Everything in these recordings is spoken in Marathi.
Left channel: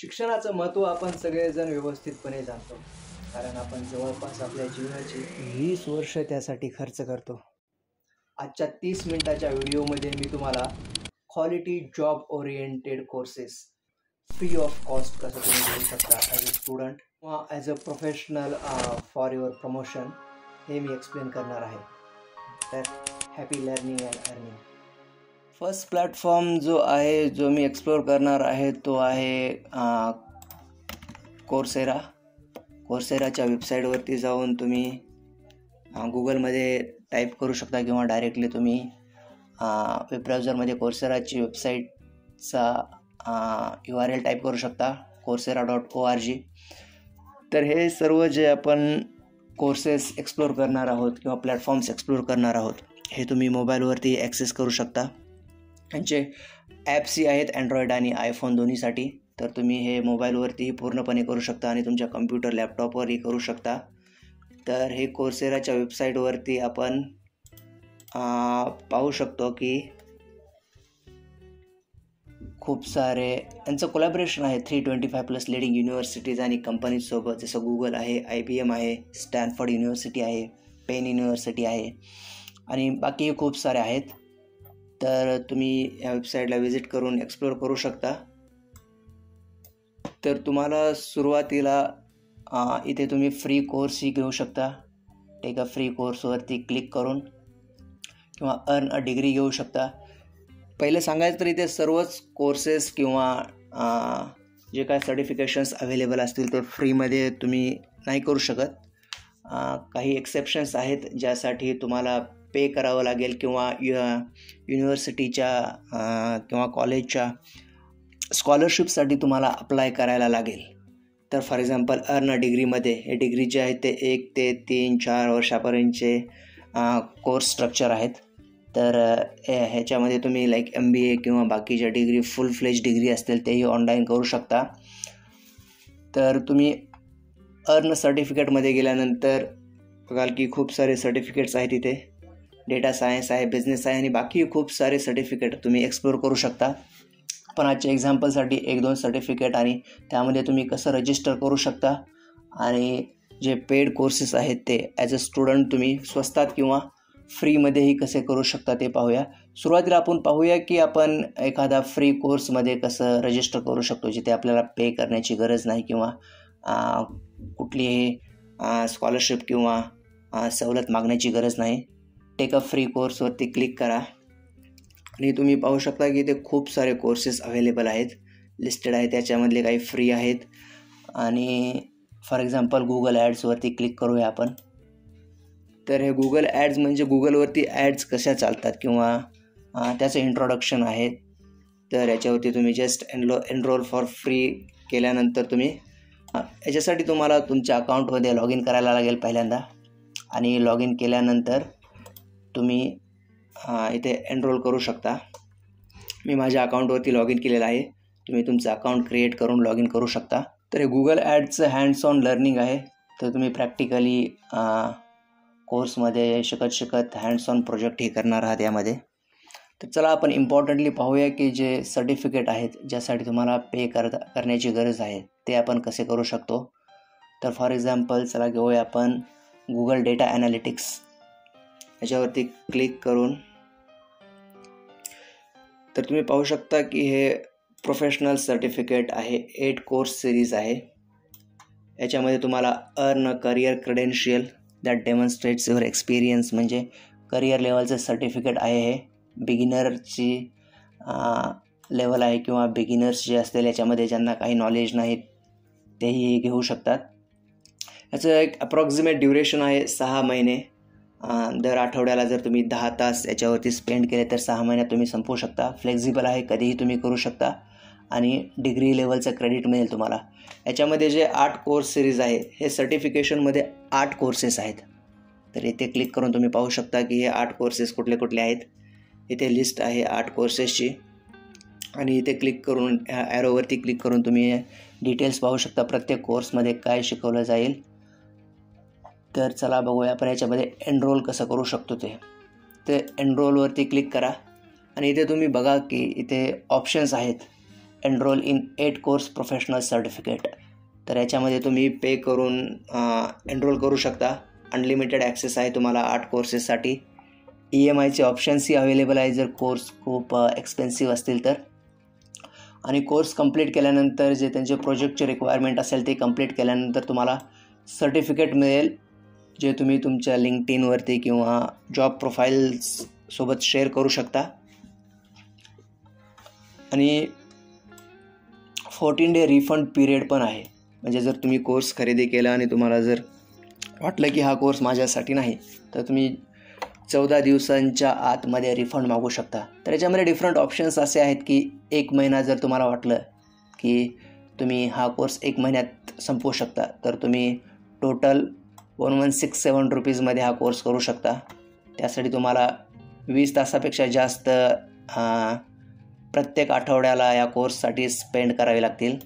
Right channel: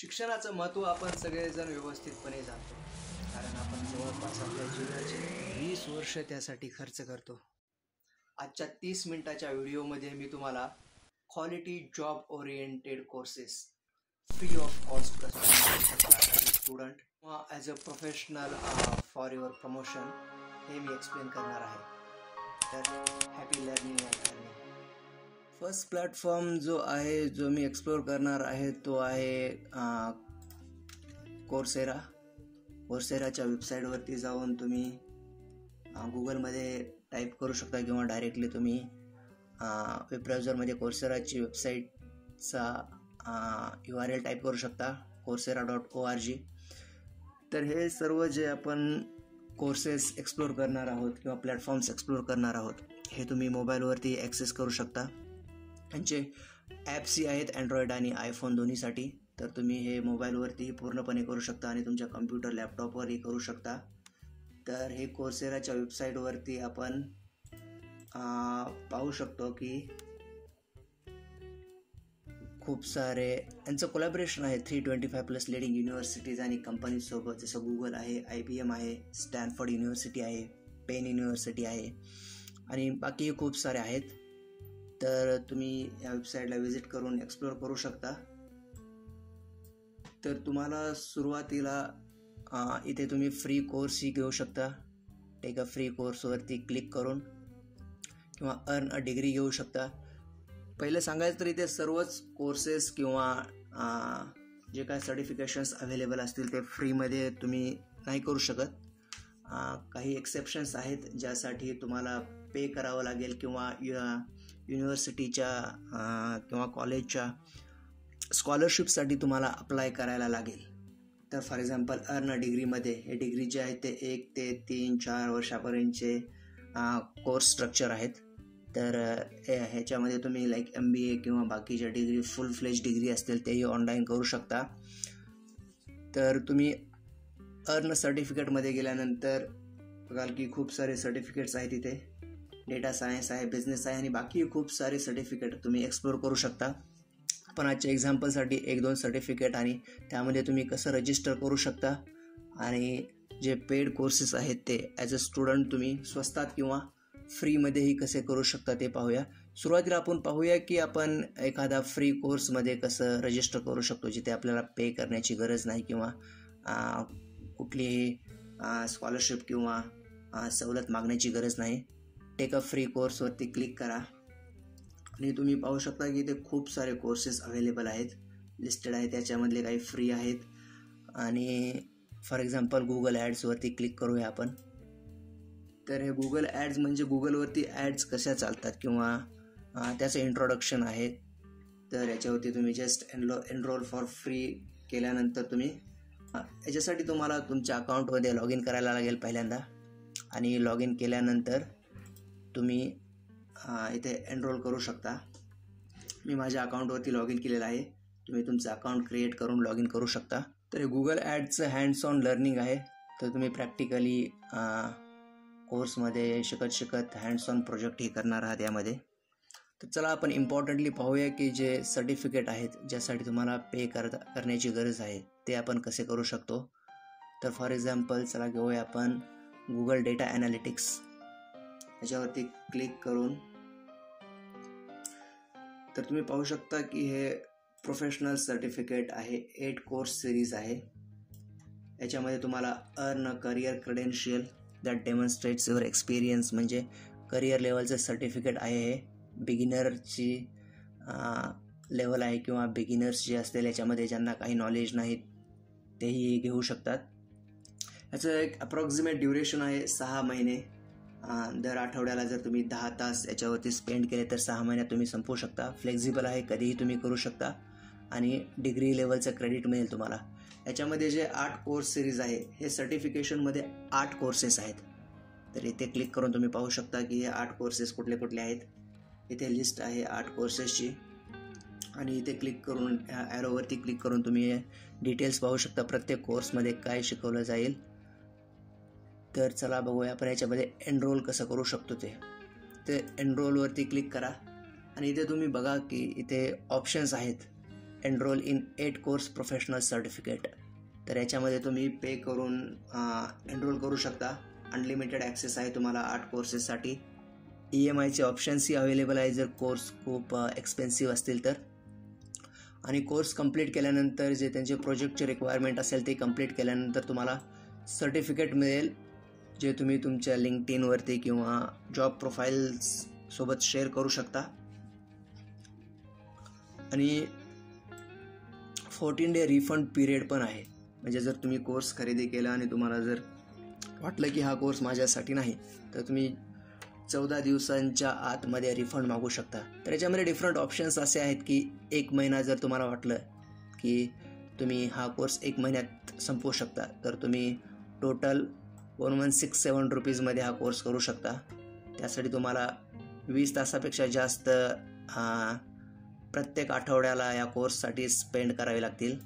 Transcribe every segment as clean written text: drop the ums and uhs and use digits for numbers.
शिक्षणाचं महत्त्व आपण सगळेजण व्यवस्थितपणे जाणतो, कारण आपण जवळपास आपल्या जीवनाची 20 वर्ष त्यासाठी खर्च करतो. आजच्या 30 मिनिटाच्या व्हिडिओमध्ये मी तुम्हाला quality job oriented courses free of cost कसं तुम्ही करू शकता ॲज अ स्टुडंट किंवा as a professional for your promotion हे मी एक्सप्लेन करणार आहे. तर happy learning and earning. First platform जो आहे जो मी एक्सप्लोअर करणार आहे तो आहे कोर्सेराच्या वेबसाईटवरती जाऊन तुम्ही गुगलमध्ये टाईप करू शकता किंवा डायरेक्टली तुम्ही वेब ब्राउझरमध्ये कोर्सेराची वेबसाईटचा URL टाईप करू शकता coursera.org. तर हे सर्व जे आपण कोर्सेस एक्सप्लोअर करणार आहोत किंवा प्लॅटफॉर्म्स एक्सप्लोअर करणार आहोत हे तुम्ही मोबाईलवरती ॲक्सेस करू शकता. यांचे ॲप्सही आहेत अँड्रॉईड आणि आयफोन दोन्हीसाठी. तर तुम्ही हे मोबाईलवरती पूर्णपणे करू शकता आणि तुमच्या कम्प्युटर लॅपटॉपवरही करू शकता. तर हे कोर्सेराच्या वेबसाईटवरती आपण पाहू शकतो की खूप सारे यांचं कोलॅबरेशन आहे 325+ लिडिंग युनिव्हर्सिटीज आणि कंपनीजसोबत, जसं गुगल आहे, IBM आहे, स्टॅनफोर्ड युनिव्हर्सिटी आहे, पेन युनिव्हर्सिटी आहे आणि बाकी खूप सारे आहेत. तर तुम्ही या वेबसाईटला व्हिजिट करून एक्सप्लोअर करू शकता. तर तुम्हाला सुरुवातीला इथे तुम्ही फ्री कोर्सही घेऊ शकता. टेक अ फ्री कोर्सवरती क्लिक करून किंवा अर्न अ डिग्री घेऊ शकता. पहिले सांगायचं तर इथे सर्वच कोर्सेस किंवा जे काय सर्टिफिकेशन्स अवेलेबल असतील ते फ्रीमध्ये तुम्ही नाही करू शकत. काही एक्सेप्शन्स आहेत ज्यासाठी तुम्हाला पे करावं लागेल किंवा युनिव्हर्सिटीच्या किंवा कॉलेजच्या स्कॉलरशिपसाठी तुम्हाला अप्लाय करायला लागेल. तर फॉर एक्झाम्पल अर्न अ डिग्रीमध्ये हे डिग्री जे आहेत ते 1 ते 3-4 वर्षापर्यंतचे कोर्स स्ट्रक्चर आहेत. तर ह्याच्यामध्ये तुम्ही MBA किंवा बाकीच्या डिग्री फुल फ्लेज डिग्री असतील तेही ऑनलाईन करू शकता. तर तुम्ही अर्न सर्टिफिकेटमध्ये गेल्यानंतर बघाल की खूप सारे सर्टिफिकेट्स आहेत इथे. डेटा सायन्स आहे, बिझनेस आहे आणि बाकी खूप सारे सर्टिफिकेट तुम्ही एक्सप्लोअर करू शकता. पण आजच्या एक्झाम्पलसाठी 1-2 सर्टिफिकेट आणि त्यामध्ये तुम्ही कसं रजिस्टर करू शकता आणि जे पेड कोर्सेस आहेत ते ॲज अ स्टुडंट तुम्ही स्वस्तात किंवा फ्रीमध्येही कसे करू शकता ते पाहूया. सुरुवातीला आपण पाहूया की आपण एखादा फ्री कोर्समध्ये कसं रजिस्टर करू शकतो, जिथे आपल्याला पे करण्याची गरज नाही किंवा कुठलीही स्कॉलरशिप किंवा सवलत मागण्याची गरज नाही. टेक अ फ्री कोर्सवरती क्लिक करा आणि तुम्ही पाहू शकता की इथे खूप सारे कोर्सेस अवेलेबल आहेत, लिस्टेड आहेत. त्याच्यामधले काही फ्री आहेत आणि फॉर एक्झाम्पल गुगल ॲड्सवरती क्लिक करूया आपण. तर हे गुगल ॲड्स म्हणजे गुगलवरती ॲड्स कशा चालतात किंवा त्याचं इंट्रोडक्शन आहे. तर याच्यावरती तुम्ही जस्ट एनरोल फॉर फ्री केल्यानंतर तुम्ही याच्यासाठी तुम्हाला तुमच्या अकाउंटमध्ये लॉग इन करायला लागेल पहिल्यांदा आणि लॉग इन केल्यानंतर तुम्ही इथे एनरोल करू शकता. मी माझ्या अकाउंटवरती लॉग इन केलेलं आहे. तुम्ही तुमचं अकाउंट क्रिएट करून लॉग इन करू शकता. तर हे गुगल ॲड्सचं हँड्स ऑन लर्निंग आहे. तर तुम्ही प्रॅक्टिकली कोर्समध्ये शिकत हँड्स ऑन प्रोजेक्ट हे करणार आहात यामध्ये. तर चला आपण इम्पॉर्टंटली पाहूया की जे सर्टिफिकेट आहेत ज्यासाठी तुम्हाला पे करण्याची गरज आहे ते आपण कसे करू शकतो. तर फॉर एक्झाम्पल चला घेऊया आपण गुगल डेटा ॲनालिटिक्स. याच्यावरती क्लिक करून तर तुम्ही पाहू शकता की हे प्रोफेशनल सर्टिफिकेट आहे. 8 कोर्स सिरीज आहे. याच्यामध्ये तुम्हाला earn a career credential that demonstrates your experience म्हणजे करिअर लेवलचं सर्टिफिकेट आहे. हे बिगिनरची लेवल आहे किंवा बिगिनर्स जे असतील याच्यामध्ये ज्यांना काही नॉलेज नाही तेही घेऊ शकतात. याचं एक अप्रॉक्सिमेट ड्युरेशन आहे 6 महिने. दर आठवड्याला जर तुम्ही 10 तास याच्यावरती स्पेंड केले तर 6 महिन्यात तुम्ही संपवू शकता. फ्लेक्झिबल आहे, कधीही तुम्ही करू शकता आणि डिग्री लेवलचं क्रेडिट मिळेल तुम्हाला. याच्यामध्ये जे 8 कोर्स सिरीज आहे हे सर्टिफिकेशनमध्ये 8 कोर्सेस आहेत. तर इथे क्लिक करून तुम्ही पाहू शकता की हे 8 कोर्सेस कुठले कुठले आहेत. इथे लिस्ट आहे 8 कोर्सेसची आणि इथे क्लिक करून ॲरोवरती क्लिक करून तुम्ही डिटेल्स पाहू शकता प्रत्येक कोर्समध्ये काय शिकवलं जाईल. तर चला बघूया आपण याच्यामध्ये एनरोल कसं करू शकतो ते. तर एनरोलवरती क्लिक करा आणि इथे तुम्ही बघा की इथे ऑप्शन्स आहेत enrol in 8 course professional certificate. तर याच्यामध्ये तुम्ही पे करून एनरोल करू शकता. अनलिमिटेड ॲक्सेस आहे तुम्हाला 8 कोर्सेससाठी. EMIचे ऑप्शन्सही अवेलेबल आहे जर कोर्स खूप एक्सपेन्सिव्ह असतील तर. आणि कोर्स कंप्लीट केल्यानंतर जे त्यांचे प्रोजेक्टचे रिक्वायरमेंट असेल ते कंप्लीट केल्यानंतर तुम्हाला सर्टिफिकेट मिळेल, जे तुम्ही तुमच्या लिंक्डइनवरती किंवा जॉब प्रोफाईल्ससोबत शेअर करू शकता. आणि 14 डे रिफंड पिरियड पण आहे. म्हणजे जर तुम्ही कोर्स खरेदी केला आणि तुम्हाला जर वाटलं की हा कोर्स माझ्यासाठी नाही, तर तुम्ही 14 दिवसांच्या आतमध्ये रिफंड मागू शकता. तर याच्यामध्ये डिफरंट ऑप्शन्स असे आहेत की 1 महिना जर तुम्हाला वाटलं की तुम्ही हा कोर्स 1 महिन्यात संपवू शकता, तर तुम्ही टोटल 1167 रुपीजमध्ये हा कोर्स करू शकता. त्यासाठी तुम्हाला 20 तासापेक्षा जास्त प्रत्येक आठवड्याला या कोर्ससाठी स्पेंड करावे लागतील.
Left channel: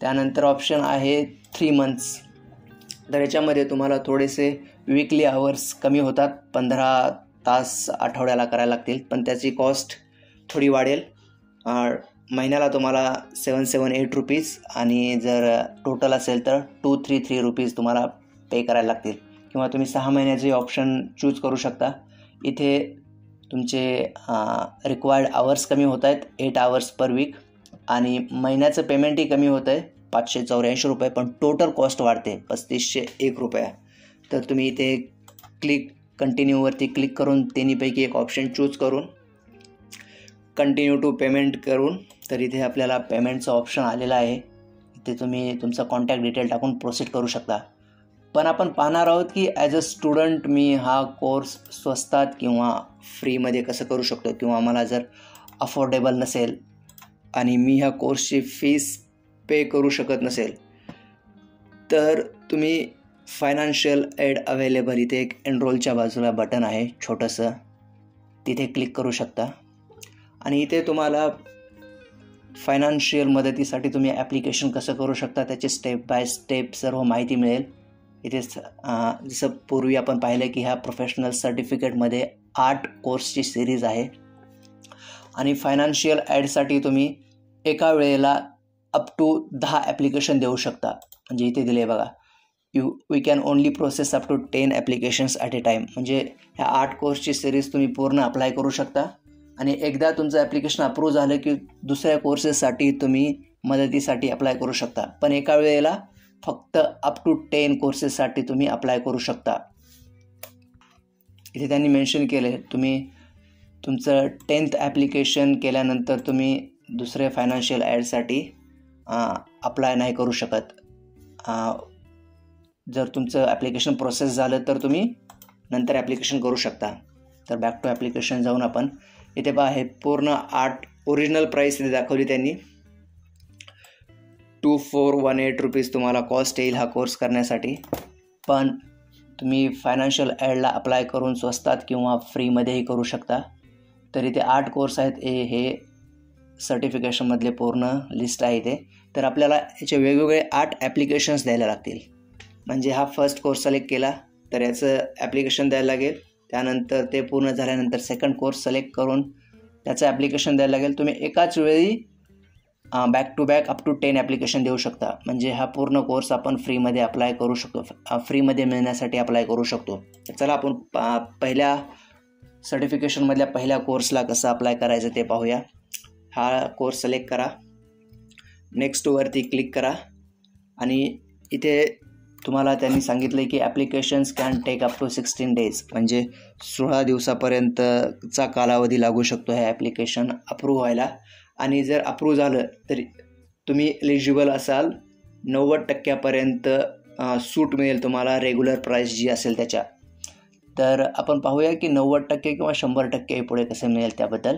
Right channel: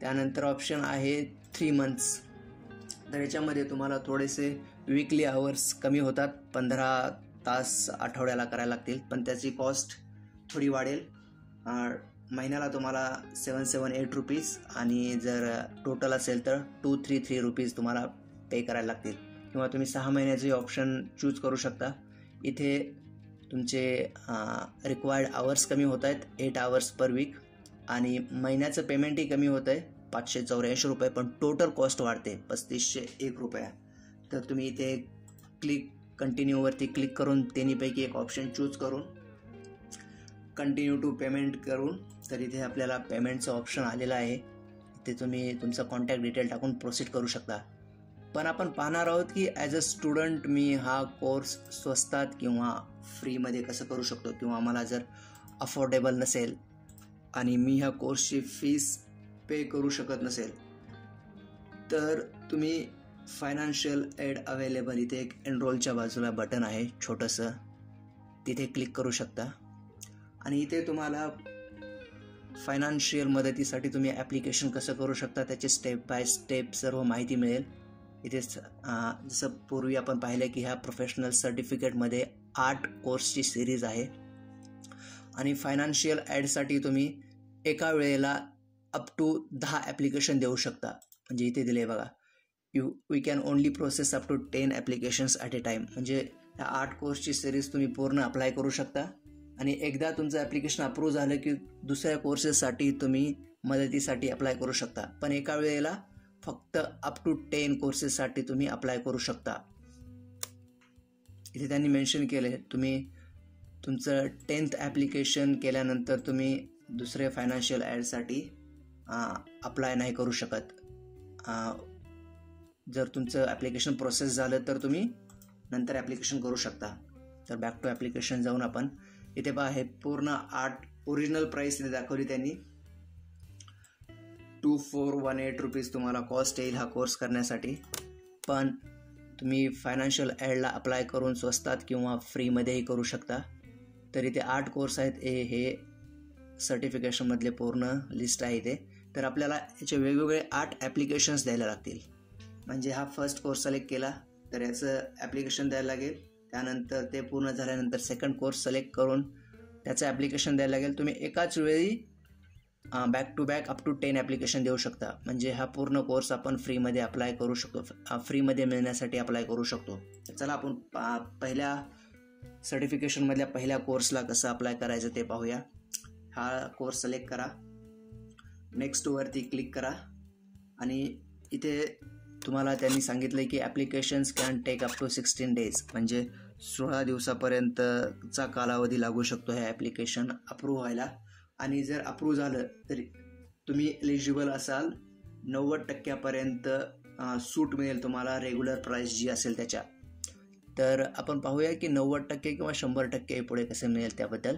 त्यानंतर ऑप्शन आहे 3 मंथ्स. तर याच्यामध्ये तुम्हाला थोडेसे वीकली आवर्स कमी होतात, 15 तास आठवड्याला करायला लागतील, पण त्याची कॉस्ट थोडी वाढेल. महिन्याला तुम्हाला 778 रुपीज आणि जर टोटल असेल तर 233 रुपीज तुम्हाला पे करायला लागतील. किंवा तुम्ही 6 महिन्याचे ऑप्शन चूज करू शकता. इथे तुमचे रिक्वायर्ड आवर्स कमी होत आहेत, 8 आवर्स पर वीक, आणि महिन्याचं पेमेंटही कमी होतं आहे 584 रुपये, पण टोटल कॉस्ट वाढते 3501 रुपये. तर तुम्ही इथे कंटिन्यूवरती क्लिक करून तिन्हीपैकी एक ऑप्शन चूज करून कंटिन्यू टू पेमेंट करून, तर इथे आपल्याला पेमेंटचं ऑप्शन आलेलं आहे. इथे तुम्ही तुमचा कॉन्टॅक्ट डिटेल टाकून प्रोसीड करू शकता. पण आपण पाहणार आहोत की ॲज अ स्टुडंट मी हा कोर्स स्वस्तात किंवा फ्रीमध्ये कसं करू शकतो, किंवा मला जर अफोर्डेबल नसेल आणि मी ह्या कोर्सची फीस पे करू शकत नसेल, तर तुम्ही फायनान्शियल एड अवेलेबल इथे एक एनरोलच्या बाजूला बटन आहे छोटंसं, तिथे क्लिक करू शकता. आणि इथे तुम्हाला फायनान्शियल मदतीसाठी तुम्ही ॲप्लिकेशन कसं करू शकता त्याची स्टेप बाय स्टेप सर्व माहिती मिळेल. इथे जसं पूर्वी आपण पाहिलं की ह्या प्रोफेशनल सर्टिफिकेटमध्ये 8 कोर्सची सिरीज आहे. आणि फायनान्शियल ॲडसाठी तुम्ही एका वेळेला अप टू 10 ॲप्लिकेशन देऊ शकता. म्हणजे इथे दिले बघा, we can only process up to 10 applications at a time. म्हणजे ह्या 8 कोर्सची सिरीज तुम्ही पूर्ण अप्लाय करू शकता. आणि एकदा तुमचं ॲप्लिकेशन अप्रूव्ह झालं की दुसऱ्या कोर्सेससाठी तुम्ही मदतीसाठी अप्लाय करू शकता. पण एका वेळेला फक्त अप टू 10 कोर्सेससाठी तुम्ही अप्लाय करू शकता. इथे त्यांनी मेन्शन केले तुम्ही तुमचं 10th ॲप्लिकेशन केल्यानंतर तुम्ही दुसऱ्या फायनान्शियल ॲडसाठी अप्लाय नाही करू शकत. जर तुमचं ॲप्लिकेशन प्रोसेस झालं तर तुम्ही नंतर ॲप्लिकेशन करू शकता. तर बॅक टू ॲप्लिकेशन जाऊन आपण इथे पहा, हे पूर्ण 8 ओरिजिनल प्राईस इथे दाखवली त्यांनी. 2418 रुपीज तुम्हाला कॉस्ट येईल हा कोर्स करण्यासाठी. पण तुम्ही फायनान्शियल ॲडला अप्लाय करून स्वस्तात किंवा फ्रीमध्येही करू शकता. तर इथे 8 कोर्स आहेत, हे सर्टिफिकेशनमधले पूर्ण लिस्ट आहे इथे. तर आपल्याला याचे वेगवेगळे 8 ॲप्लिकेशन्स द्यायला लागतील. म्हणजे हा फर्स्ट कोर्स सिलेक्ट केला तर याचं ॲप्लिकेशन द्यायला लागेल. त्यानंतर ते पूर्ण झाल्यानंतर सेकंड कोर्स सिलेक्ट करून त्याचं ॲप्लिकेशन द्यायला लागेल. तुम्ही एकाच वेळी back to back up to 10 application देऊ शकता. म्हणजे हा पूर्ण कोर्स आपण फ्रीमध्ये अप्लाय करू शकतो, फ्रीमध्ये मिळण्यासाठी अप्लाय करू शकतो. चला आपण पहिल्या सर्टिफिकेशनमधल्या पहिल्या कोर्सला कसं अप्लाय करायचं ते पाहूया. हा कोर्स सिलेक्ट करा, नेक्स्टवरती क्लिक करा. आणि इथे तुम्हाला त्यांनी सांगितलं की applications can take up to 16 days. म्हणजे 16 दिवसापर्यंतचा कालावधी लागू शकतो ह्या ॲप्लिकेशन अप्रूव्ह व्हायला. आणि जर अप्रूव्ह झालं तर तुम्ही एलिजिबल असाल, 90% सूट मिळेल तुम्हाला रेग्युलर प्राईस जी असेल त्याच्या. तर आपण पाहूया की 90% किंवा 100% पुढे कसे मिळेल त्याबद्दल.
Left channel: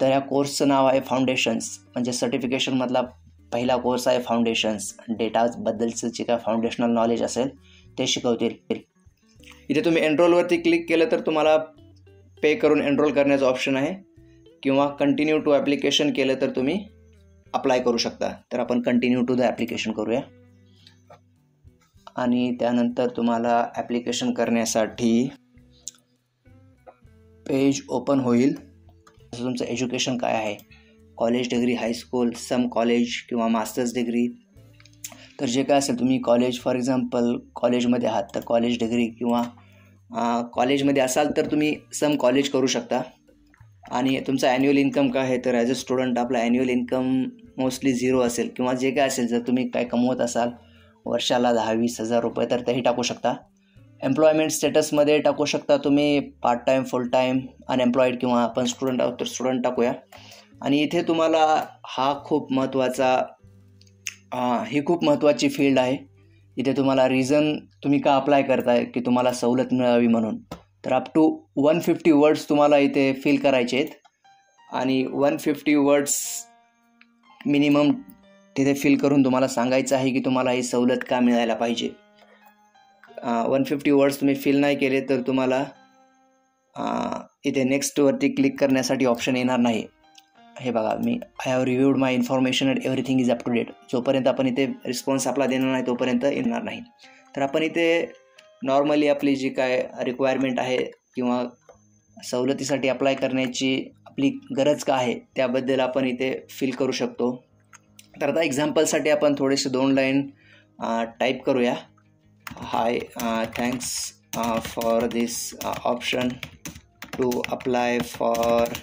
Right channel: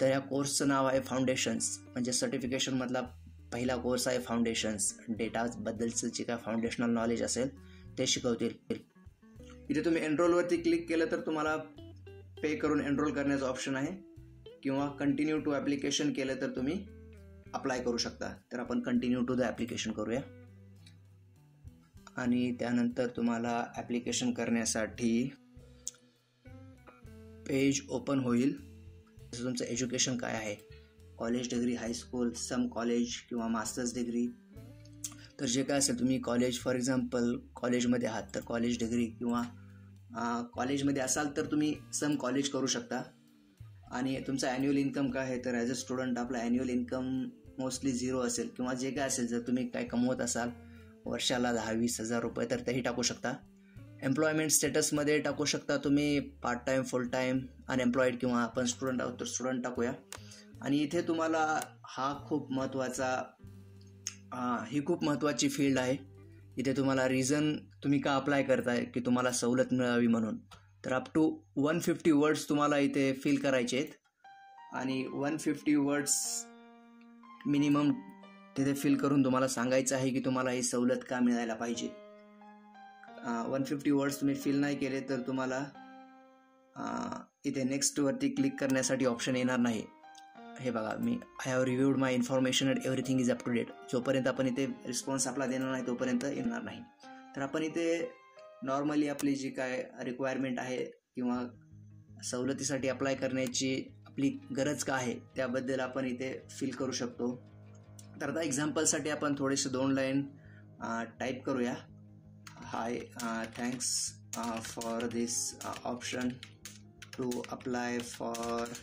तर या कोर्सचं नाव आहे फाउंडेशन्स. म्हणजे सर्टिफिकेशनमधला पहिला कोर्स आहे फाउंडेशन्स. डेटाबद्दलचं जे काय फाउंडेशनल नॉलेज असेल ते शिकवतील. इथे तुम्ही एनरोलवरती क्लिक केलं तर तुम्हाला पे करून एनरोल करण्याचं ऑप्शन आहे, किंवा कंटिन्यू टू ॲप्लिकेशन केलं तर तुम्ही अप्लाय करू शकता. तर आपण कंटिन्यू टू द ॲप्लिकेशन करूया. आणि त्यानंतर तुम्हाला ॲप्लिकेशन करण्यासाठी पेज ओपन होईल. तुमचं एज्युकेशन काय आहे college degree, high school, some college किंवा मास्टर्स डिग्री. तर जे काय असेल तुम्ही कॉलेज, फॉर एक्झाम्पल कॉलेजमध्ये आहात तर कॉलेज डिग्री, किंवा कॉलेजमध्ये असाल तर तुम्ही सम कॉलेज करू शकता. आणि तुमचा ॲन्युअल इन्कम काय आहे, तर ॲज अ स्टुडंट आपला ॲन्युअल इन्कम मोस्टली 0 असेल, किंवा जे काय असेल जर तुम्ही काय कमवत असाल वर्षाला 10-20 हजार रुपये तर तेही टाकू शकता. एम्प्लॉयमेंट स्टेटसमध्ये टाकू शकता तुम्ही पार्ट टाईम, फुल टाईम, अनएम्प्लॉईड, किंवा आपण स्टुडंट आहोत तर स्टुडंट टाकूया. आणि इथे तुम्हाला ही खूप महत्त्वाची फील्ड आहे. इथे तुम्हाला रिझन तुम्ही का अप्लाय करताय की तुम्हाला सवलत मिळावी म्हणून. तर अप टू 150 वर्ड्स तुम्हाला इथे फिल करायचे आहेत. आणि 150 वर्ड्स मिनिमम तिथे फिल करून तुम्हाला सांगायचं आहे की तुम्हाला ही सवलत का मिळायला पाहिजे. 150 वर्ड्स तुम्ही फिल नाही केले तर तुम्हाला इथे नेक्स्टवरती क्लिक करण्यासाठी ऑप्शन येणार नाही. हे बघा, I have reviewed my information and everything is up to date. जोपर्यंत आपण इथे रिस्पॉन्स आपला देणार नाही तोपर्यंत येणार नाही. तर आपण इथे नॉर्मली आपली जी काय रिक्वायरमेंट आहे किंवा सवलतीसाठी अप्लाय करण्याची आपली गरज का आहे त्याबद्दल आपण इथे फिल करू शकतो. तर आता एक्झाम्पलसाठी आपण थोडेसे 2 लाईन टाईप करूया. Hi, thanks for this option to apply for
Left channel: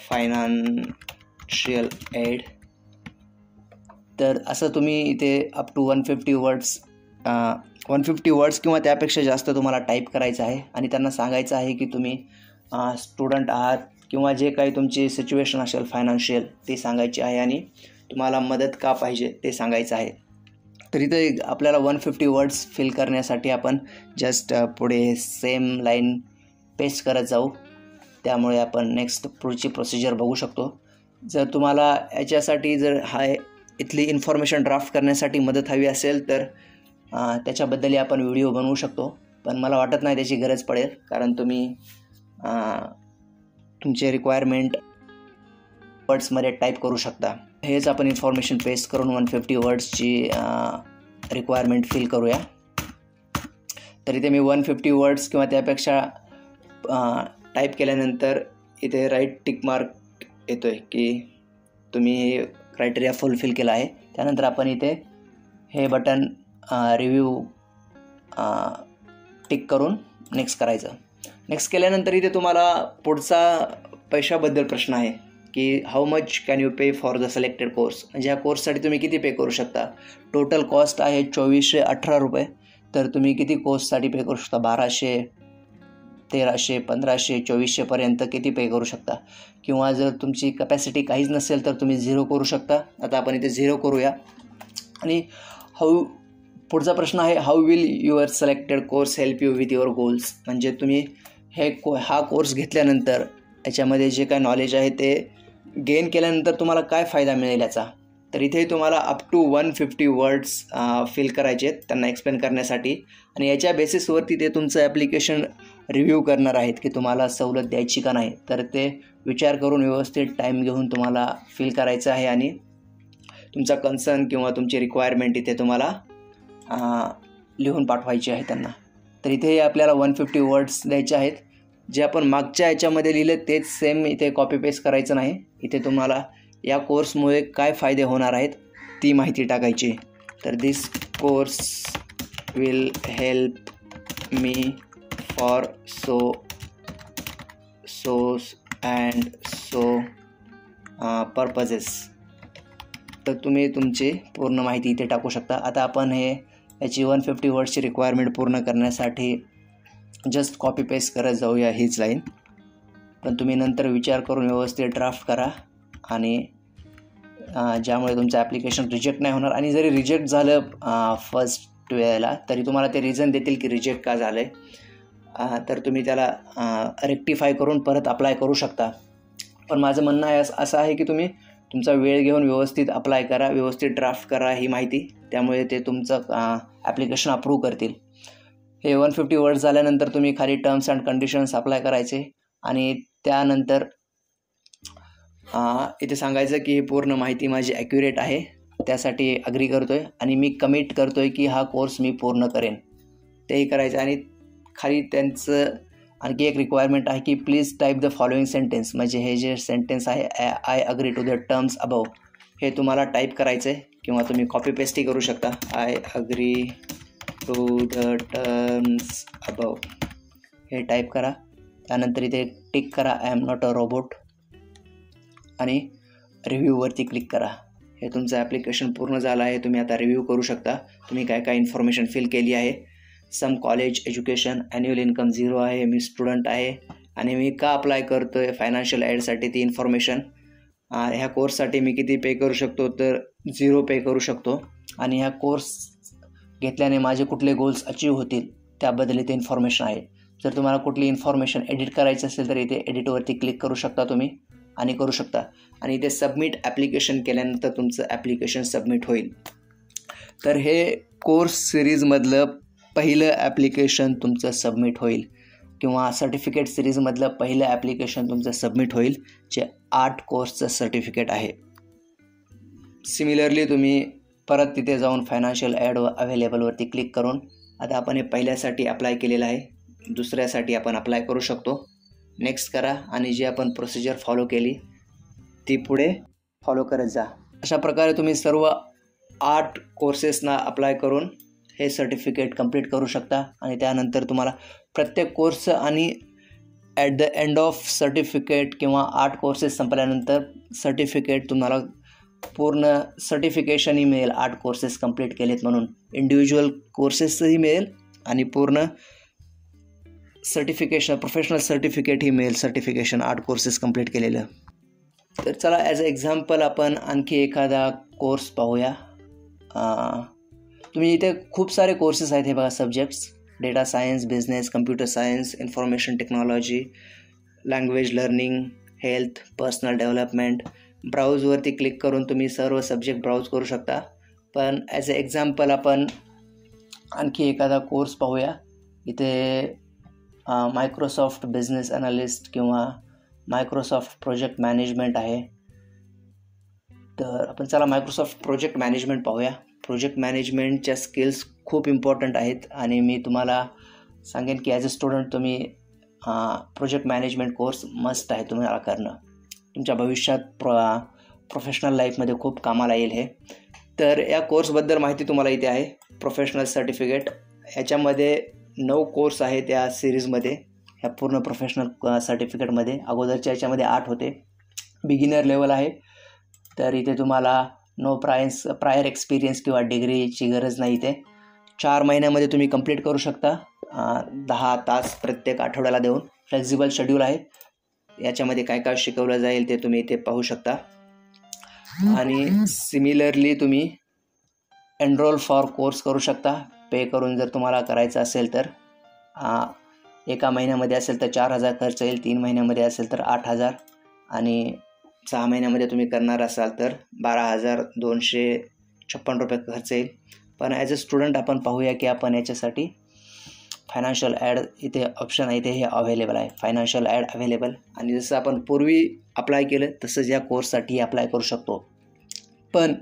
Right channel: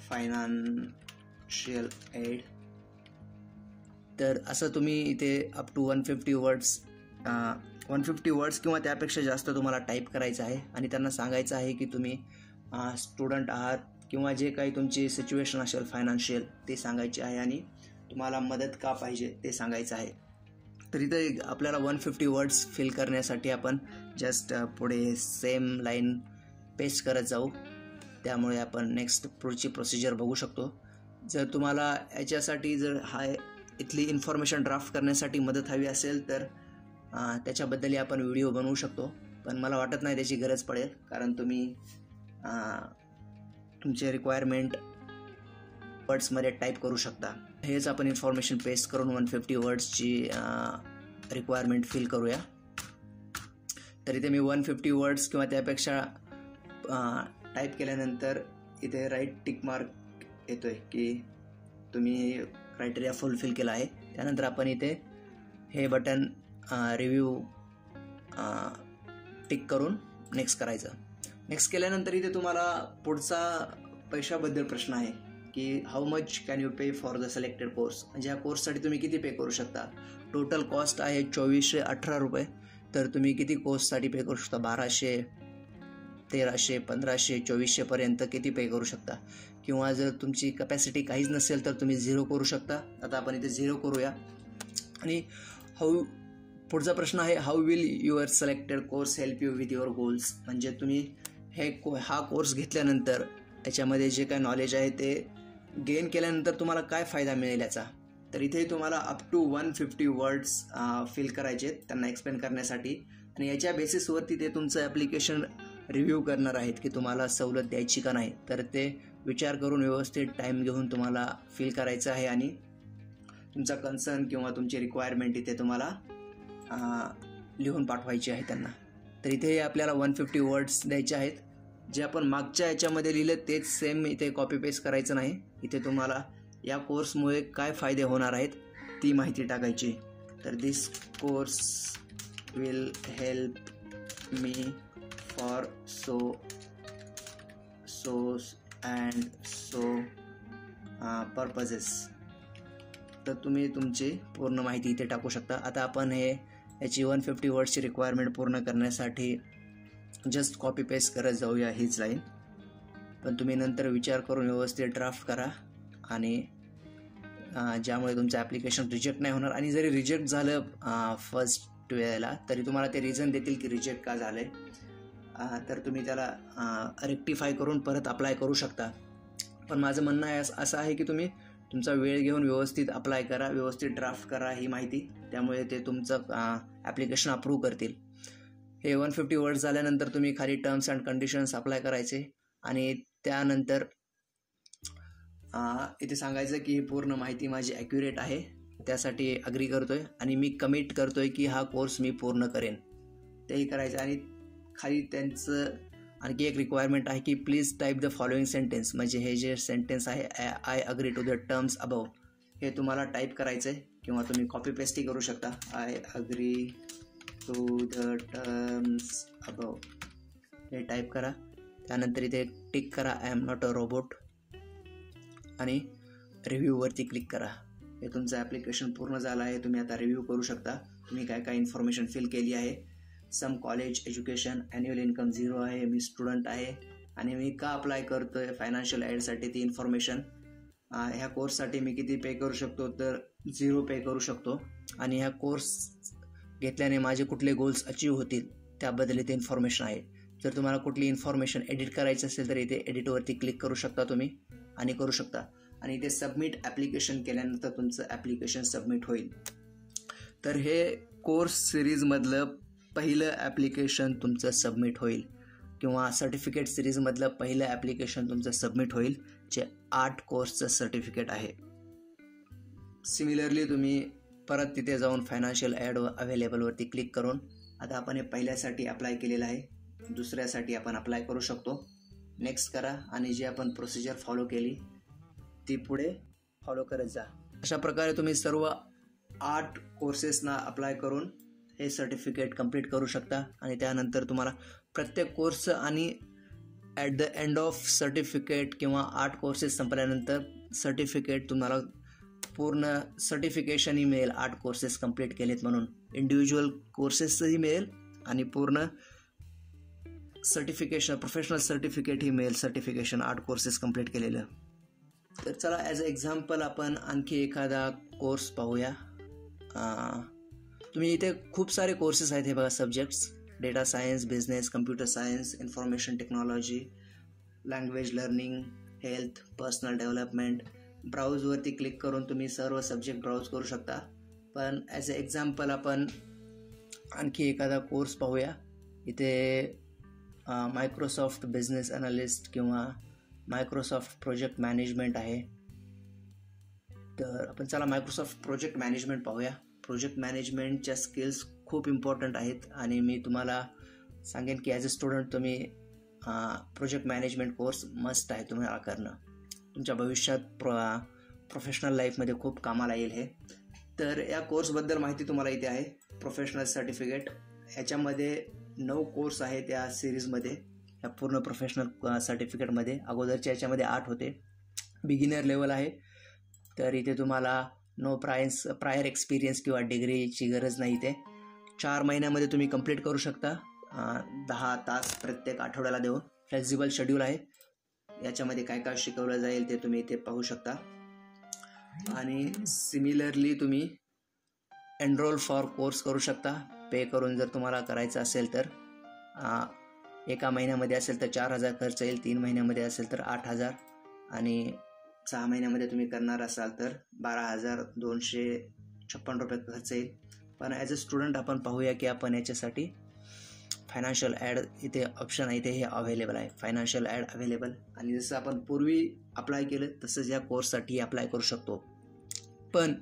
financial aid. तर असं तुम्ही इथे अप टू 150 वर्ड्स किंवा त्यापेक्षा जास्त तुम्हाला टाईप करायचं आहे. आणि त्यांना सांगायचं आहे की तुम्ही स्टुडंट आहात किंवा जे काही तुमची सिच्युएशन असेल फायनान्शियल ते सांगायचे आहे आणि तुम्हाला मदत का पाहिजे ते सांगायचं आहे. तर इथे आपल्याला 150 वर्ड्स फिल करण्यासाठी आपण जस्ट पुढे सेम लाईन पेस्ट करत जाऊ. त्यामुळे आपण नेक्स्ट पुढची प्रोसिजर बघू शकतो. जर तुम्हाला याच्यासाठी जर इथली इन्फॉर्मेशन ड्राफ्ट करण्यासाठी मदत हवी असेल तर त्याच्याबद्दलही आपण व्हिडिओ बनवू शकतो. पण मला वाटत नाही त्याची गरज पडेल, कारण तुम्ही तुमचे रिक्वायरमेंट वर्ड्समध्ये टाईप करू शकता. हेच आपण इन्फॉर्मेशन पेस्ट करून 150 वर्ड्सची रिक्वायरमेंट फिल करूया. तर इथे मी 150 वर्ड्स किंवा त्यापेक्षा टाईप केल्यानंतर इथे राईट टिक मार्क येतो आहे की तुम्ही क्रायटेरिया फुलफिल केला आहे. त्यानंतर आपण इथे हे बटन रिव्ह्यू टिक करून नेक्स्ट करायचं. नेक्स्ट केल्यानंतर इथे तुम्हाला पुढचा पैशाबद्दल प्रश्न आहे की how much can you pay for the selected course. म्हणजे या कोर्ससाठी तुम्ही किती पे करू शकता. टोटल कॉस्ट आहे 2418 रुपये. तर तुम्ही किती कोर्ससाठी पे करू शकता. 1200, 1300, 1500, 2400पर्यंत किती पे करू शकता. किंवा जर तुमची कपॅसिटी काहीच नसेल तर तुम्ही 0 करू शकता. आता आपण इथे 0 करूया. आणि पुढचा प्रश्न आहे how will your selected course help you with your goals. म्हणजे तुम्ही हा कोर्स घेतल्यानंतर याच्यामध्ये जे काय नॉलेज आहे ते गेन केल्यानंतर तुम्हाला काय फायदा मिळेल याचा. तर इथे तुम्हाला अप टू 150 वर्ड्स फिल करायचे आहेत त्यांना एक्सप्लेन करण्यासाठी. आणि याच्या बेसिसवरती ते तुमचं ॲप्लिकेशन रिव्ह्यू करणार आहेत की तुम्हाला सवलत द्यायची का नाही. तर ते विचार करून व्यवस्थित टाईम घेऊन तुम्हाला फिल करायचं आहे आणि तुमचा कन्सर्न किंवा तुमची रिक्वायरमेंट इथे तुम्हाला लिहून पाठवायची आहे त्यांना. तर इथे आपल्याला 150 वर्ड्स द्यायचे आहेत. जे आपण मागच्या याच्यामध्ये लिहिले तेच सेम इथे कॉपी पेस्ट करायचं नाही. इथे तुम्हाला या कोर्समुळे काय फायदे होणार आहेत ती माहिती टाकायची. तर this course will help me for so and so purposes. तर तुम्ही तुमची पूर्ण माहिती इथे टाकू शकता. आता आपण याची 150 वर्ड्सची रिक्वायरमेंट पूर्ण करण्यासाठी जस्ट कॉपी पेस्ट करत जाऊया हीच लाईन. पण तुम्ही नंतर विचार करून व्यवस्थित ड्राफ्ट करा आणि ज्यामुळे तुमचं ॲप्लिकेशन रिजेक्ट नाही होणार. आणि जरी रिजेक्ट झालं फर्स्ट वेळेला तरी तुम्हाला ते रिझन देतील की रिजेक्ट का झालं आहे. तर तुम्ही त्याला रेक्टिफाय करून परत अप्लाय करू शकता. पण माझं म्हणणं असं आहे की तुम्ही तुमचा वेळ घेऊन व्यवस्थित अप्लाय करा, व्यवस्थित ड्राफ्ट करा ही माहिती. त्यामुळे ते तुमचं ॲप्लिकेशन अप्रूव्ह करतील. हे 150 वर्ड्स झाल्यानंतर तुम्ही खाली टर्म्स अँड कंडिशन्स अप्लाय करायचे आणि त्यानंतर इथे सांगायचं की ही पूर्ण माहिती माझी ॲक्युरेट आहे, त्यासाठी अग्री करतो आहे आणि मी कमिट करतो आहे की हा कोर्स मी पूर्ण करेन. तेही करायचं आणि खाली त्यांचं आणखी एक रिक्वायरमेंट आहे की please type the following sentence, म्हणजे हे जे सेंटेन्स आहे I agree to the terms above, हे तुम्हाला टाईप करायचं आहे किंवा तुम्ही कॉपी पेस्टही करू शकता. I agree to the terms above हे टाईप करा. त्यानंतर इथे टिक करा I am not a robot आणि रिव्ह्यूवरती क्लिक करा. हे तुमचं ॲप्लिकेशन पूर्ण झालं आहे. तुम्ही आता रिव्ह्यू करू शकता तुम्ही काय काय इन्फॉर्मेशन फिल केली आहे. Some college education, annual income 0 आहे, मी स्टुडंट आहे आणि मी का अप्लाय करतो आहे फायनान्शियल एडसाठी ती इन्फॉर्मेशन. ह्या कोर्ससाठी मी किती पे करू शकतो, तर 0 पे करू शकतो. आणि ह्या कोर्स घेतल्याने माझे कुठले गोल्स अचीव होतील त्याबद्दल इथे इन्फॉर्मेशन आहे. जर तुम्हाला कुठली इन्फॉर्मेशन एडिट करायचं असेल तर इथे एडिटवरती क्लिक करू शकता तुम्ही आणि करू शकता. आणि इथे सबमिट ॲप्लिकेशन केल्यानंतर तुमचं ॲप्लिकेशन सबमिट होईल. तर हे कोर्स सिरीजमधलं पहिलं ॲप्लिकेशन तुमचं सबमिट होईल किंवा सर्टिफिकेट सिरीजमधलं पहिलं ॲप्लिकेशन तुमचं सबमिट होईल, जे 8 कोर्सचं सर्टिफिकेट आहे. सिमिलरली तुम्ही परत तिथे जाऊन फायनान्शियल ॲड अवेलेबलवरती क्लिक करून आता आपण हे पहिल्यासाठी अप्लाय केलेलं आहे, दुसऱ्यासाठी आपण अप्लाय करू शकतो. नेक्स्ट करा आणि जी आपण प्रोसिजर फॉलो केली ती पुढे फॉलो करत जा. अशा प्रकारे तुम्ही सर्व 8 कोर्सेसना अप्लाय करून हे सर्टिफिकेट कंप्लीट करू शकता. आणि त्यानंतर तुम्हाला प्रत्येक कोर्स आणि at the end of certificate किंवा 8 कोर्सेस संपल्यानंतर सर्टिफिकेट तुम्हाला पूर्ण सर्टिफिकेशनही मिळेल. 8 कोर्सेस कंप्लीट केलेत म्हणून इंडिव्हिज्युअल कोर्सेसही मिळेल आणि पूर्ण सर्टिफिकेशन प्रोफेशनल सर्टिफिकेटही मिळेल, सर्टिफिकेशन 8 कोर्सेस कंप्लीट केलेलं. तर चला ॲज अ एक्झाम्पल आपण आणखी एखादा कोर्स पाहूया. तुम्ही इथे खूप सारे कोर्सेस आहेत. हे बघा, subjects data science, business, computer science, information technology, language learning, health, personal development. ब्राउजवरती क्लिक करून तुम्ही सर्व सब्जेक्ट ब्राउज करू शकता. पण ॲज अ एक्झाम्पल आपण आणखी एखादा कोर्स पाहूया. इथे मायक्रोसॉफ्ट बिझनेस ॲनालिस्ट किंवा मायक्रोसॉफ्ट प्रोजेक्ट मॅनेजमेंट आहे. तर आपण चला मायक्रोसॉफ्ट प्रोजेक्ट मॅनेजमेंट पाहूया. प्रोजेक्ट मॅनेजमेंटच्या स्किल्स खूप इम्पॉर्टंट आहेत आणि मी तुम्हाला सांगेन की ॲज अ स्टुडंट तुम्ही प्रोजेक्ट मॅनेजमेंट कोर्स मस्ट आहे तुम्हाला करणं. तुमच्या भविष्यात प्रोफेशनल लाईफमध्ये खूप कामाला येईल हे. तर या कोर्सबद्दल माहिती तुम्हाला इथे आहे. प्रोफेशनल सर्टिफिकेट याच्यामध्ये 9 कोर्स आहेत या सिरीजमध्ये, ह्या पूर्ण प्रोफेशनल सर्टिफिकेटमध्ये. अगोदरच्या याच्यामध्ये 8 होते. बिगिनर लेवल आहे. तर इथे तुम्हाला नो प्रायर एक्सपिरियन्स किंवा डिग्रीची गरज नाही. इथे 4 महिन्यामध्ये तुम्ही कंप्लीट करू शकता. 10 तास प्रत्येक आठवड्याला देऊन फ्लेक्झिबल शेड्यूल आहे. याच्यामध्ये काय काय शिकवलं जाईल ते तुम्ही इथे पाहू शकता. आणि सिमिलरली तुम्ही एनरोल फॉर कोर्स करू शकता पे करून. जर तुम्हाला करायचं असेल तर 1 महिन्यामध्ये असेल तर 4,000 खर्च येईल, 3 महिन्यामध्ये असेल तर 8,000 आणि 6 महिन्यामध्ये तुम्ही करणार असाल तर 12,256 रुपये खर्च येईल. पण ॲज अ स्टुडंट आपण पाहूया की आपण याच्यासाठी फायनान्शियल ॲड इथे ऑप्शन आहे, इथे हे अवेलेबल आहे, फायनान्शियल ॲड अवेलेबल. आणि जसं आपण पूर्वी अप्लाय केलं तसंच या कोर्ससाठी अप्लाय करू शकतो. पण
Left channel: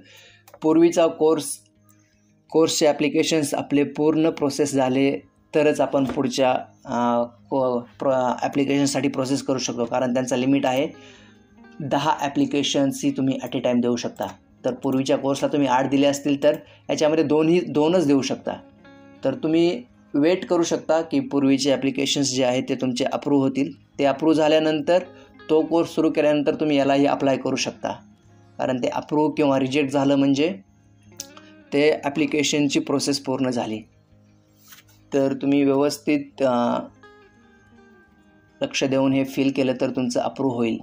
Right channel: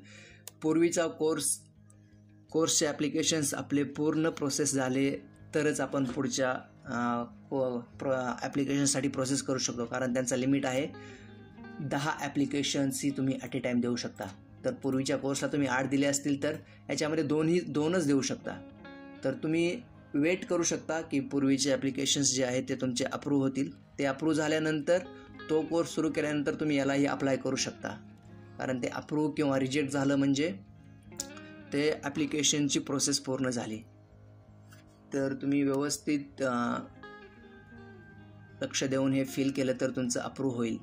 पूर्वीचा कोर्सचे ॲप्लिकेशन्स आपले पूर्ण प्रोसेस झाले तरच आपण पुढच्या ॲप्लिकेशनसाठी प्रोसेस करू शकतो. कारण त्यांचा लिमिट आहे 10 ॲप्लिकेशन्सही तुम्ही ॲट ए टाईम देऊ शकता. तर पूर्वीच्या कोर्सला तुम्ही 8 दिले असतील तर याच्यामध्ये 2च देऊ शकता. तर तुम्ही वेट करू शकता की पूर्वीचे ॲप्लिकेशन्स जे आहेत ते तुमचे अप्रूव्ह होतील. ते अप्रूव्ह झाल्यानंतर तो कोर्स सुरू केल्यानंतर तुम्ही यालाही अप्लाय करू शकता. कारण ते अप्रूव्ह किंवा रिजेक्ट झालं म्हणजे ते ॲप्लिकेशनची प्रोसेस पूर्ण झाली. तर तुम्ही व्यवस्थित लक्ष देऊन हे फिल केलं तर तुमचं अप्रूव्ह होईल.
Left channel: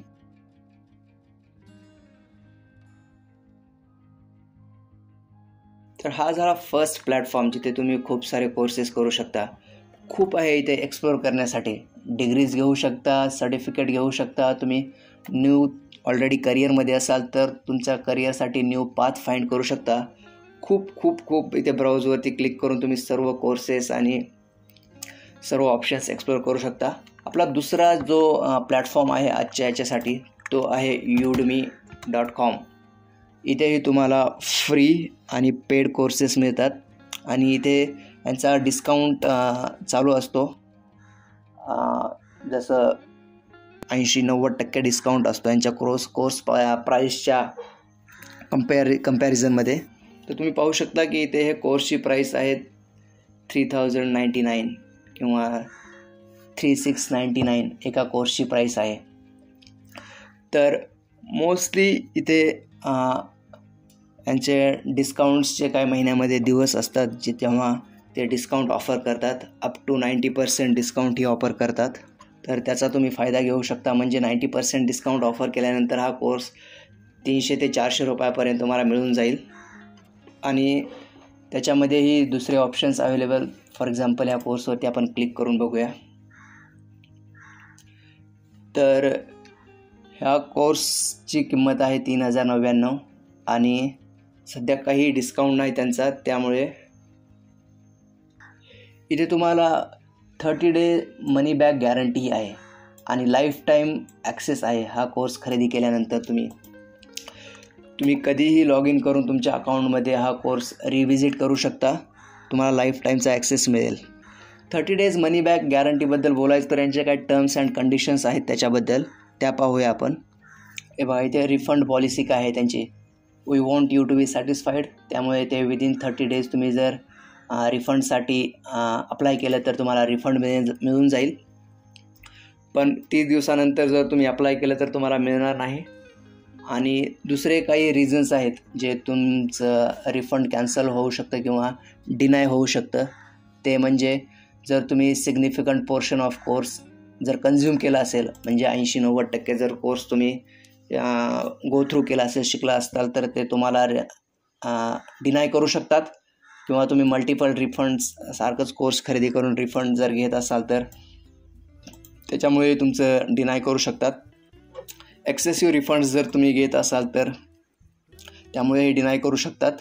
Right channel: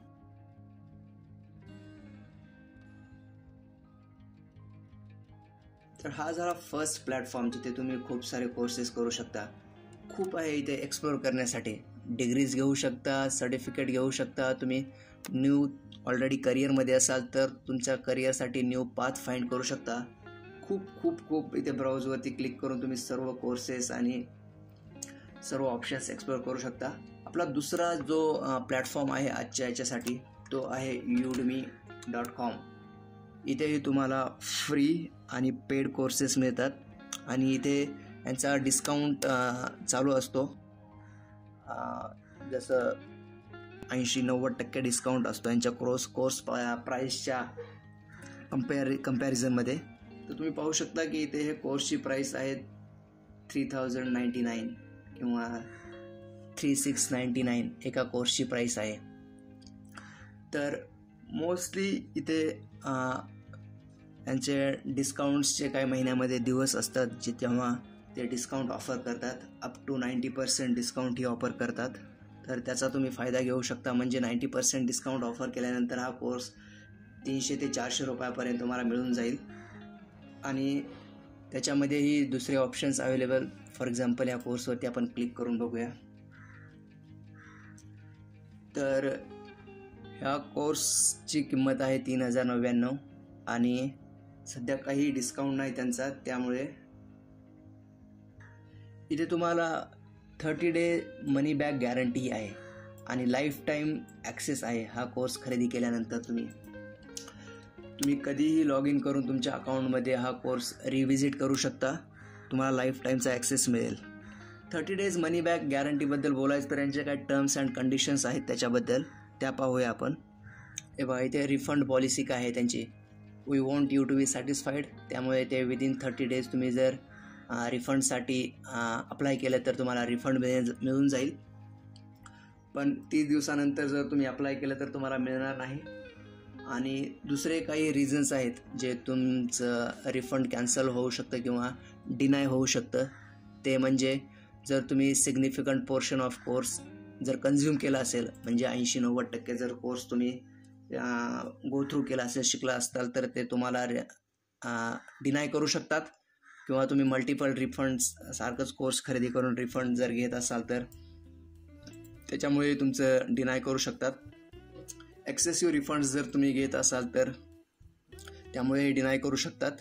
तर हा झाला फर्स्ट प्लॅटफॉर्म जिथे तुम्ही खूप सारे कोर्सेस करू शकता. खूप आहे इथे एक्सप्लोअर करण्यासाठी. डिग्रीज घेऊ शकता, सर्टिफिकेट घेऊ शकता. तुम्ही न्यू ऑलरेडी करिअरमध्ये असाल तर तुमच्या करिअरसाठी न्यू पाथ फाइंड करू शकता. खूप खूप खूप इथे ब्राउजवरती क्लिक करून तुम्ही सर्व कोर्सेस आणि सर्व ऑप्शन्स एक्सप्लोअर करू शकता. आपला दुसरा जो प्लॅटफॉर्म आहे आजच्या याच्यासाठी तो आहे udemy.com. इथेही तुम्हाला फ्री आणि पेड कोर्सेस मिळतात आणि इथे यांचा डिस्काउंट चालू असतो. जसं 80-90% डिस्काउंट असतो यांच्या कोर्स प्राईसच्या कंपॅरिझनमध्ये. तर तुम्ही पाहू शकता की इथे हे कोर्सची प्राईस आहे 3099 किंवा 3699 एका कोर्सची प्राईस आहे. तर मोस्टली इथे यांचे डिस्काउंट्सचे काही महिन्यामध्ये दिवस असतात जे तेव्हा ते डिस्काउंट ऑफर करतात. अप टू 90% डिस्काउंट ही ऑफर करतात. तर त्याचा तुम्ही फायदा घेऊ शकता. म्हणजे 90% डिस्काउंट ऑफर केल्यानंतर हा कोर्स 300 ते 400 रुपयापर्यंत तुम्हाला मिळून जाईल. आणि त्याच्यामध्येही दुसरे ऑप्शन्स अवेलेबल. फॉर एक्झाम्पल ह्या कोर्सवरती आपण क्लिक करून बघूया. तर ह्या कोर्सची किंमत आहे 3099 आणि सध्या काही डिस्काउंट नाही त्यांचा, त्यामुळे इथे तुम्हाला 30 डे मनी बॅक गॅरंटी आहे आणि लाईफ टाईम ॲक्सेस आहे. हा कोर्स खरेदी केल्यानंतर तुम्ही कधीही लॉग इन करून तुमच्या अकाउंटमध्ये हा कोर्स रिव्हिजिट करू शकता. तुम्हाला लाईफ टाईमचा ॲक्सेस मिळेल. 30 डेज मनी बॅक गॅरंटीबद्दल बोलायचं तर यांच्या काही टर्म्स अँड कंडिशन्स आहेत त्याच्याबद्दल, त्या पाहूया आपण. हे बघा, इथे रिफंड पॉलिसी काय आहे त्यांची. We want you to be satisfied. त्यामुळे ते विदिन 30 डेज तुम्ही जर रिफंडसाठी अप्लाय केलं तर तुम्हाला रिफंड मिळून जाईल. पण 30 दिवसानंतर जर तुम्ही अप्लाय केलं तर तुम्हाला मिळणार नाही. आणि दुसरे काही रिझन्स आहेत जे तुमचं रिफंड कॅन्सल होऊ शकतं किंवा डिनाय होऊ शकतं. ते म्हणजे जर तुम्ही सिग्निफिकंट पोर्शन ऑफ कोर्स जर कन्झ्युम केला असेल, म्हणजे 80-90% जर कोर्स तुम्ही गो थ्रू केला असेल, शिकला असाल, तर ते तुम्हाला डिनाय करू शकतात. किंवा तुम्ही मल्टिपल रिफंड्स सारखंच कोर्स खरेदी करून रिफंड जर घेत असाल तर त्याच्यामुळे तुमचं डिनाय करू शकतात. एक्सेसिव्ह रिफंड्स जर तुम्ही घेत असाल तर त्यामुळे डिनाय करू शकतात.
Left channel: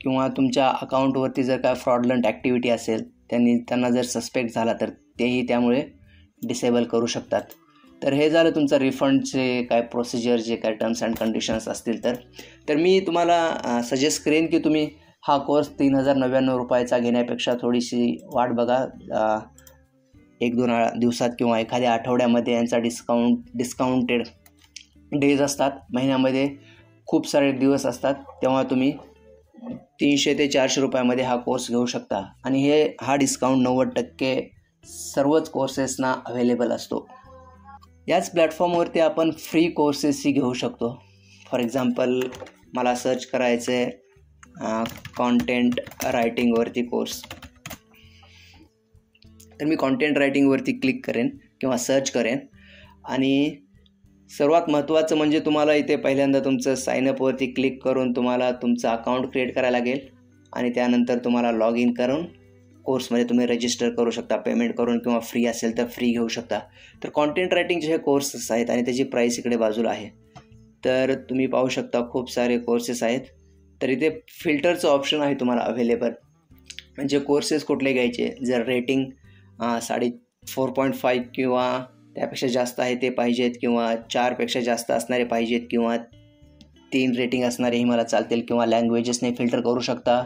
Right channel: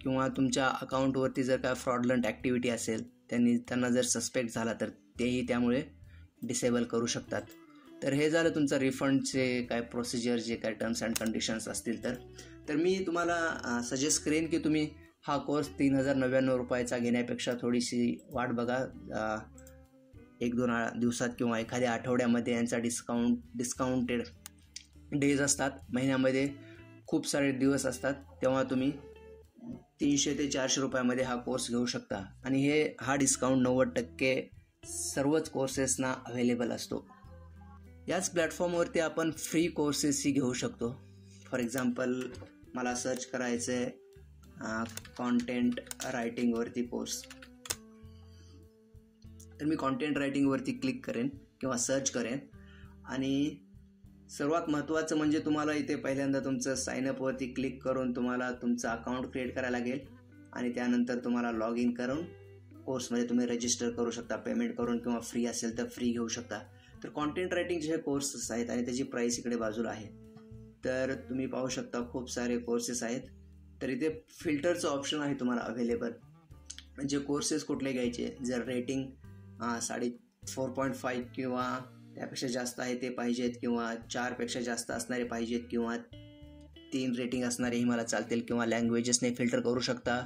किंवा तुमच्या अकाउंटवरती जर काय फ्रॉडलंट ॲक्टिव्हिटी असेल, त्यांना जर सस्पेक्ट झाला तर तेही त्यामुळे डिसेबल करू शकतात. तर हे झालं तुमचं रिफंडचे काय प्रोसिजर, जे काय टर्म्स अँड कंडिशन्स असतील. तर मी तुम्हाला सजेस्ट करेन की तुम्ही हा कोर्स 3099 रुपयाचा घेण्यापेक्षा थोडीशी वाट बघा. 1-2 दिवसात किंवा एखाद्या आठवड्यामध्ये यांचा डिस्काउंटेड डेज असतात. महिन्यामध्ये खूप सारे दिवस असतात, तेव्हा तुम्ही 300 ते 400 रुपयामध्ये हा कोर्स घेऊ शकता. आणि हा डिस्काउंट 90% सर्वच कोर्सेसना अवेलेबल असतो. याच प्लॅटफॉर्मवरती आपण फ्री कोर्सेसही घेऊ शकतो. फॉर एक्झाम्पल मला सर्च करायचं आहे कॉन्टेंट रायटिंगवरती कोर्स. तर मी कॉन्टेंट रायटिंगवरती क्लिक करेन किंवा सर्च करेन. आणि सर्वात महत्त्वाचं म्हणजे तुम्हाला इथे पहिल्यांदा तुमचं साईनअपवरती क्लिक करून तुम्हाला तुमचं अकाउंट क्रिएट करायला लागेल. आणि त्यानंतर तुम्हाला लॉग इन करून कोर्समध्ये तुम्ही रजिस्टर करू शकता, पेमेंट करून, किंवा फ्री असेल तर फ्री घेऊ शकता. तर कॉन्टेंट रायटिंगचे हे कोर्सेस आहेत आणि त्याची प्राईस इकडे बाजूला आहे. तर तुम्ही पाहू शकता खूप सारे कोर्सेस आहेत. तर इथे फिल्टरचं ऑप्शन आहे तुम्हाला अवेलेबल. म्हणजे कोर्सेस कुठले घ्यायचे, जर रेटिंग 4.5 किंवा त्यापेक्षा जास्त आहे ते पाहिजेत, किंवा 4पेक्षा जास्त असणारे पाहिजेत, किंवा 3 रेटिंग असणारेही मला चालतील, किंवा लँग्वेजेसने फिल्टर करू शकता.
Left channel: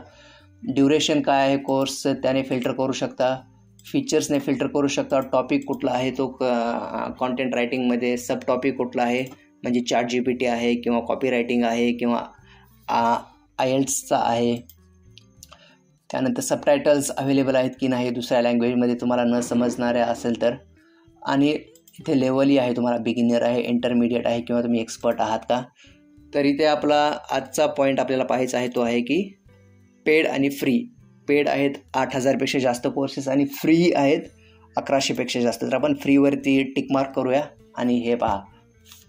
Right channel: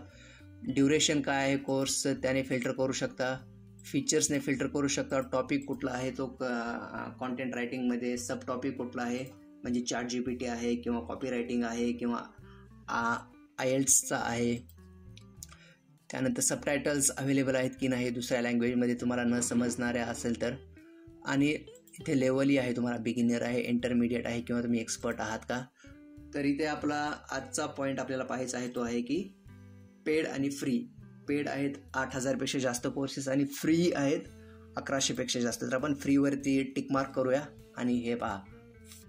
ड्युरेशन काय आहे कोर्स त्याने फिल्टर करू शकता. फीचर्सने फिल्टर करू शकता. टॉपिक कुठला आहे तो कॉन्टेंट रायटिंगमध्ये, सब टॉपिक कुठला आहे, म्हणजे ChatGPT आहे किंवा कॉपी रायटिंग आहे किंवा IELTSचा आहे. त्यानंतर सबटायटल्स अवेलेबल आहेत की नाही दुसऱ्या लँग्वेजमध्ये तुम्हाला न समजणाऱ्या असेल तर. आणि इथे लेवलही आहे, तुम्हाला बिगिनर आहे, इंटरमिडिएट आहे किंवा तुम्ही एक्सपर्ट आहात का. तर इथे आपला आजचा पॉईंट आपल्याला पाहायचा आहे तो आहे की पेड आणि फ्री. पेड आहेत 8000पेक्षा जास्त कोर्सेस आणि फ्री आहेत 1100पेक्षा जास्त. तर आपण फ्रीवरती टिक मार्क करूया. आणि हे पहा,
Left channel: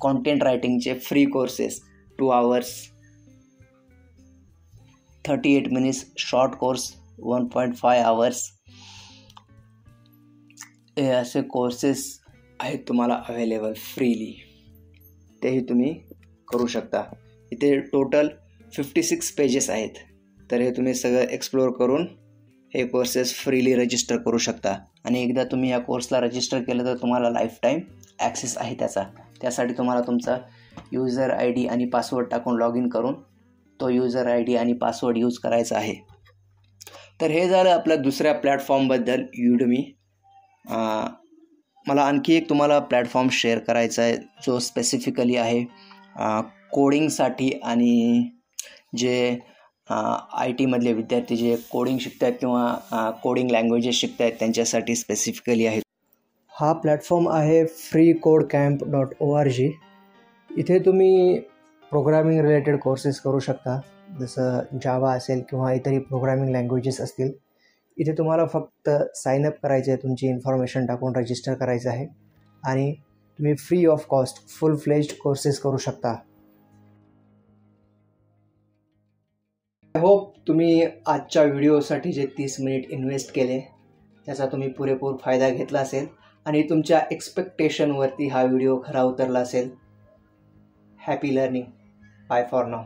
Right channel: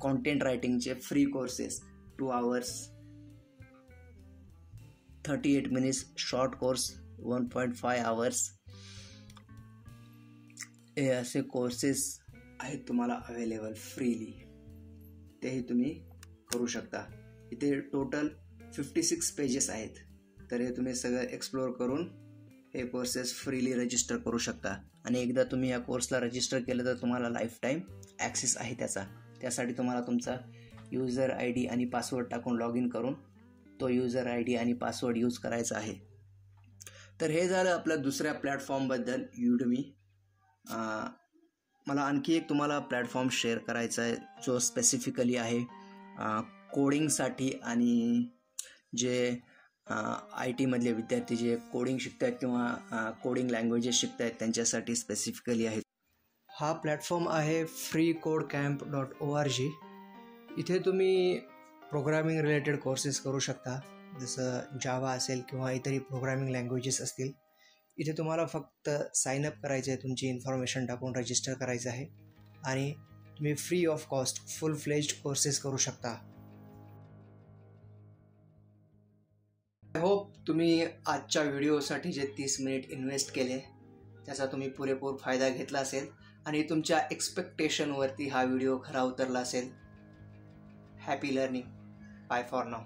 कॉन्टेंट रायटिंगचे free courses 2 hours 38 minutes, short course 1.5 hours. हे असे कोर्सेस आहेत तुम्हाला अवेलेबल फ्रीली, तेही तुम्ही करू शकता. इथे टोटल 56 पेजेस आहेत. तर हे तुम्ही सगळं एक्सप्लोअर करून हे कोर्सेस फ्रीली रजिस्टर करू शकता. आणि एकदा तुम्ही या कोर्सला रजिस्टर केलं तर तुम्हाला लाईफ टाईम ॲक्सेस आहे त्याचा. त्यासाठी तुम्हाला तुमचा यूजर ID आणि पासवर्ड टाकून लॉग इन करून तो यूजर ID आणि पासवर्ड यूज करायचा आहे. तर हे झालं आपल्या दुसऱ्या प्लॅटफॉर्मबद्दल, युडमी. मला आणखी एक तुम्हाला प्लॅटफॉर्म शेअर करायचा आहे जो स्पेसिफिकली आहे कोडिंगसाठी आणि जे IT मधले विद्यार्थी जे कोडिंग शिकतात किंवा कोडिंग लँग्वेजेस शिकत आहेत त्यांच्यासाठी स्पेसिफिकली आहे. हा प्लॅटफॉर्म आहे freecodecamp.org. इथे तुम्ही प्रोग्रामिंग रिलेटेड कोर्सेस करू शकता, जसं जावा असेल किंवा इतरही प्रोग्रामिंग लँग्वेजेस असतील. इथे तुम्हाला फक्त साईनअप करायचे आहे, तुमची इन्फॉर्मेशन टाकून रजिस्टर करायचं आहे आणि तुम्ही free of cost full fledged courses करू शकता. आय होप तुम्ही आजच्या व्हिडिओसाठी जे 30 मिनिट इन्व्हेस्ट केले त्याचा तुम्ही पुरेपूर फायदा घेतला असेल आणि तुमच्या एक्सपेक्टेशनवरती हा व्हिडिओ खरा उतरला असेल. Happy learning. Bye for now.